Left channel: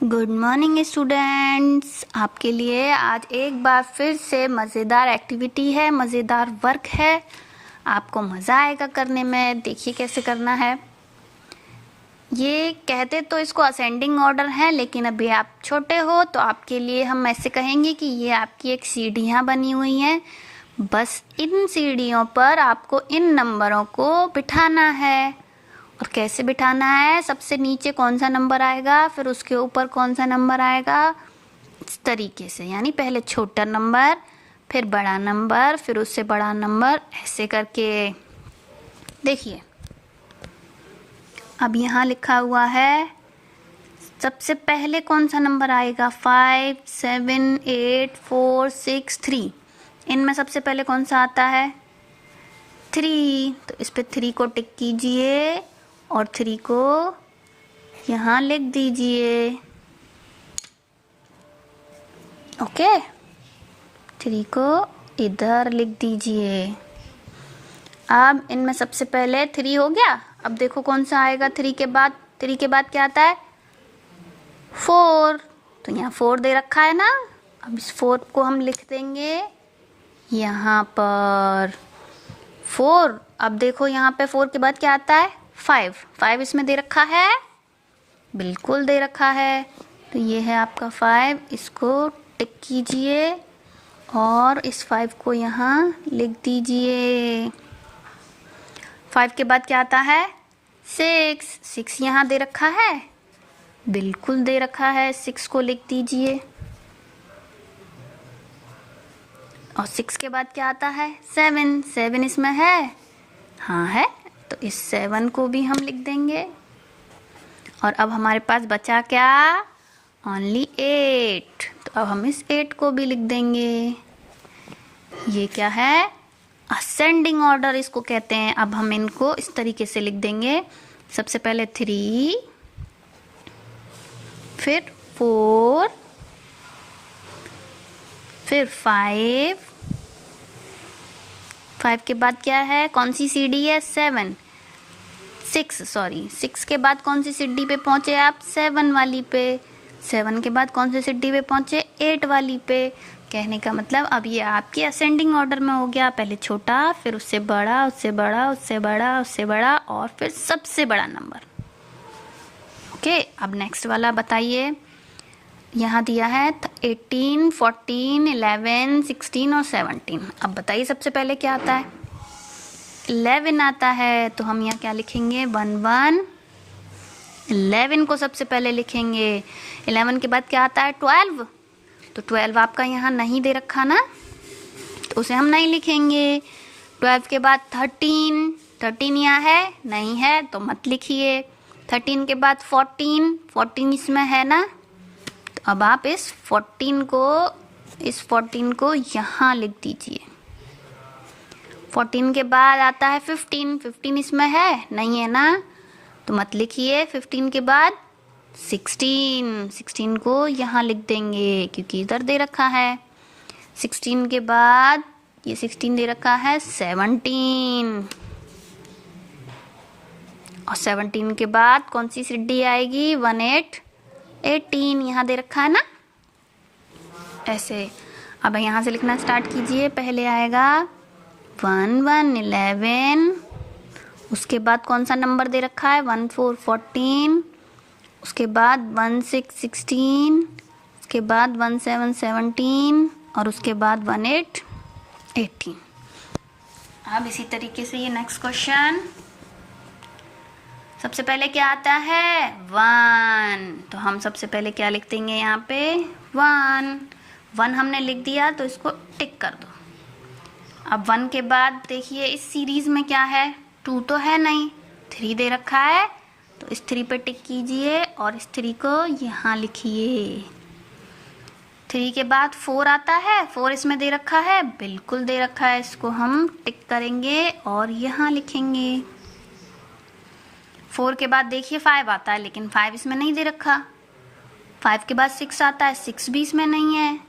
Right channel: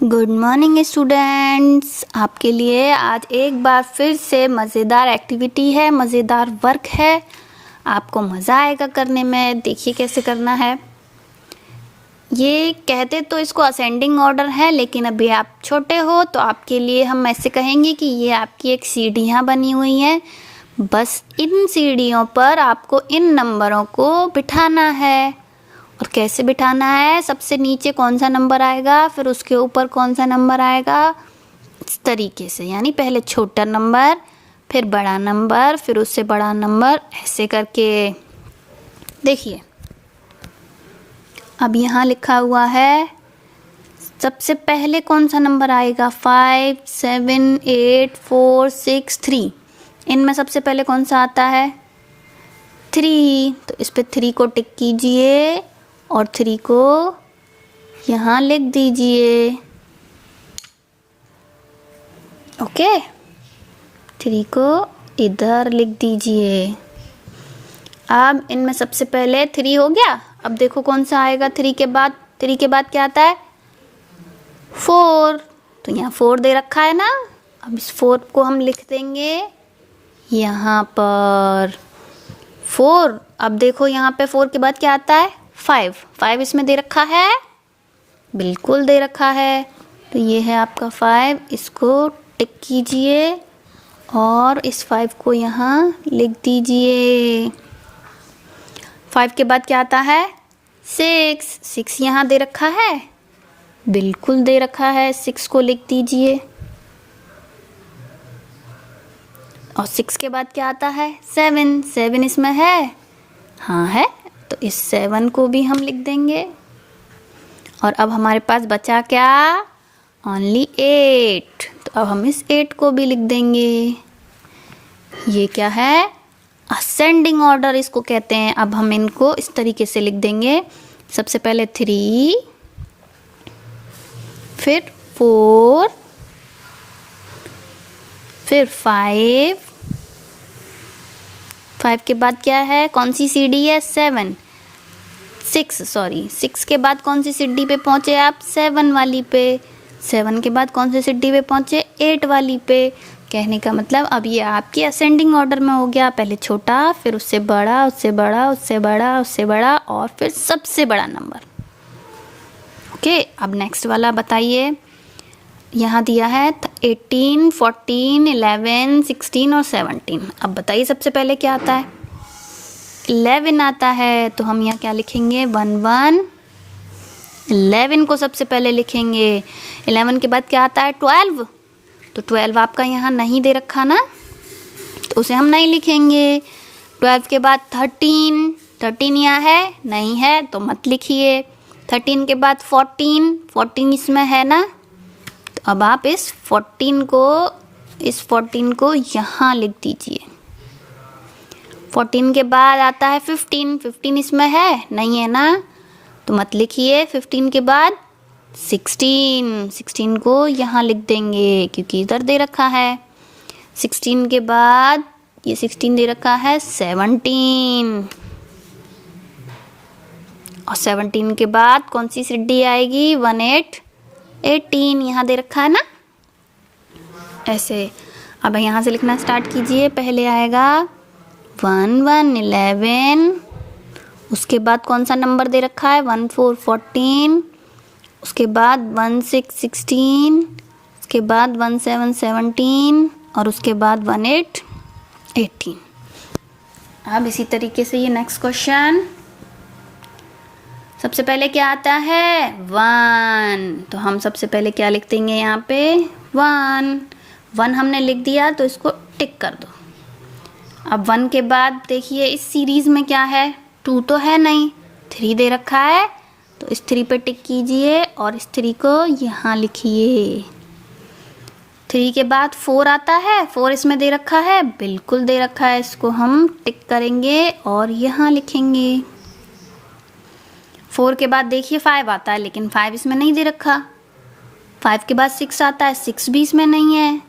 Good morning students. आपके लिए आज एक बार फिर से मज़ेदार एक्टिविटी है, मज़ेदार वर्क है। आपको मज़ा आएगा करने में। देखिए कैसे करना है। ये कहते तो इसको असेंडिंग ऑर्डर है, लेकिन अभी आप छोटे हो तो आपके लिए हम ऐसे कहेंगे कि ये आपकी एक सीढ़ियाँ बनी हुई हैं। बस इन सीढ़ियों पर आपको इन नंबरों को बिठाना है। और कैसे बिठाना है, सबसे नीचे कौन सा नंबर आएगा, फिर उसके ऊपर कौन सा नंबर आएगा, इस तरीके से। यानी पहले छोटा नंबर, फिर बड़ा नंबर, फिर उससे बड़ा नंबर, ऐसे करके। देखिए अब यहाँ लिखा हुआ है, सबसे पहले कौन सा नंबर आएगा, 5 7 8 4 6 3। इनमें सबसे पहले कौन सा आता है, 3। तो इस पे 3 को टिक कीजिए और 3 को यहाँ लिख दीजिए। ओके, 3 को इधर लिख दीजिए। अब इनमें सबसे पहले 3 हो गया। अब देखो कौन सा आएगा 3 के बाद। 3 के बाद क्या आता है, 4। तो यहाँ 4 दे रखा है ना। अब इस 4 को हम लिख देंगे यहाँ पर 4। अब देखो यहाँ पे 4 के बाद क्या आता है, 5। 5 इसमें दे रखा है, बिल्कुल दे रखा है। तो ये है आपका 5। इसको टिक कीजिए और इस 5 को यहाँ लिख दीजिए। 5 के बाद क्या आता है, 6। 6 यहाँ दे रखा है, बिल्कुल दे रखा है। 6 को लिख दीजिए। और 6 के बाद क्या आता है, 7। 7 इसमें है, हाँ है। तो इस 7 को भी हम लिख देंगे। और अब हमारे पास बचा क्या, ओनली 8। तो अब हम इस 8 को भी लिख देंगे। ये क्या है, असेंडिंग ऑर्डर इसको कहते हैं। अब हम इनको इस तरीके से लिख देंगे, सबसे पहले 3, फिर 4, फिर 5। 5 के बाद क्या है, कौन सी सीढ़ी है, 6 के बाद कौन सी सीढ़ी पे पहुंचे आप, 7 वाली पे। 7 के बाद कौन सी सीढ़ी पे पहुंचे, 8 वाली पे। कहने का मतलब अब ये आपकी असेंडिंग ऑर्डर में हो गया। पहले छोटा, फिर उससे बड़ा, उससे बड़ा, उससे बड़ा, उससे बड़ा, और फिर सबसे बड़ा नंबर। ओके, अब नेक्स्ट वाला बताइए। यहाँ दिया है 18 14 11 16 और 17। अब बताइए सबसे पहले क्या आता है, 11 आता है। तो हम यहाँ क्या लिखेंगे, 1 1। 11 को सबसे पहले लिखेंगे। 11 के बाद क्या आता है, 12। तो 12 आपका यहाँ नहीं दे रखा ना, तो उसे हम नहीं लिखेंगे। 12 के बाद 13। 13 यहाँ है, नहीं है, तो मत लिखिए। 13 के बाद 14। 14 इसमें है ना, तो अब आप इस 14 को यहाँ लिख दीजिए। 14 के बाद आता है 15। 15 इसमें है, नहीं है ना, तो मत लिखिए। 15 के बाद 16। 16 को यहाँ लिख देंगे क्योंकि इधर दे रखा है। 16 के बाद ये 16 दे रखा है, 17। और 17 के बाद कौन सी सीढ़ी आएगी, 18 18 यहाँ दे रखा है ना, ऐसे। अब यहाँ से लिखना स्टार्ट कीजिए। पहले आएगा 1 1 11। उसके बाद कौन सा नंबर दे रखा है, 1 4 14। उसके बाद 1 6 16। उसके बाद 1 7 17। और उसके बाद 1 8 18। अब इसी तरीके से ये नेक्स्ट क्वेश्चन। सबसे पहले क्या आता है, 1। तो हम सबसे पहले क्या लिख देंगे यहाँ पे, 1 हमने लिख दिया, तो इसको टिक कर दो। अब 1 के बाद देखिए इस सीरीज में क्या है, 2 तो है नहीं, 3 दे रखा है। तो इस 3 पे टिक कीजिए और इस 3 को यहाँ लिखिए। 3 के बाद 4 आता है, 4 इसमें दे रखा है, बिल्कुल दे रखा है। इसको हम टिक करेंगे और यहाँ लिखेंगे। 4 के बाद देखिए 5 आता है, लेकिन 5 इसमें नहीं दे रखा। 5 के बाद 6 आता है, 6 भी इसमें नहीं है।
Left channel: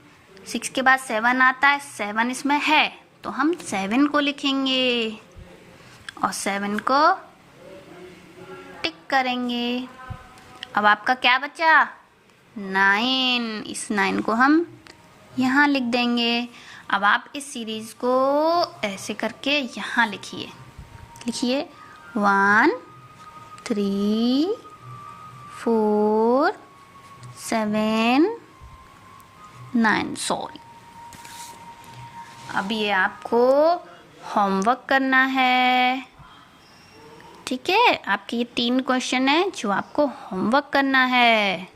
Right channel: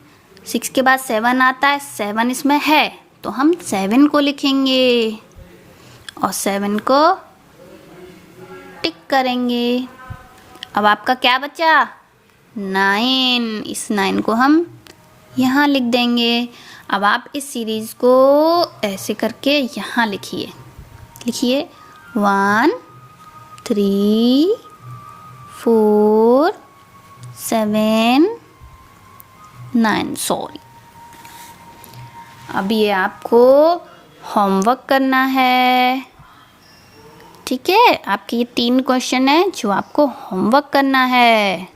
6 के बाद 7 आता है, 7 इसमें है, तो हम 7 को लिखेंगे और 7 को टिक करेंगे। अब आपका क्या बचा, 9। इस 9 को हम यहाँ लिख देंगे। अब आप इस सीरीज़ को ऐसे करके यहाँ लिखिए। 1 3 4 7 9। सॉरी, अब ये आपको होमवर्क करना है। ठीक है, आपके ये 3 क्वेश्चन है जो आपको होमवर्क करना है।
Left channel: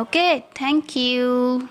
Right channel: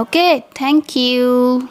Okay, thank you.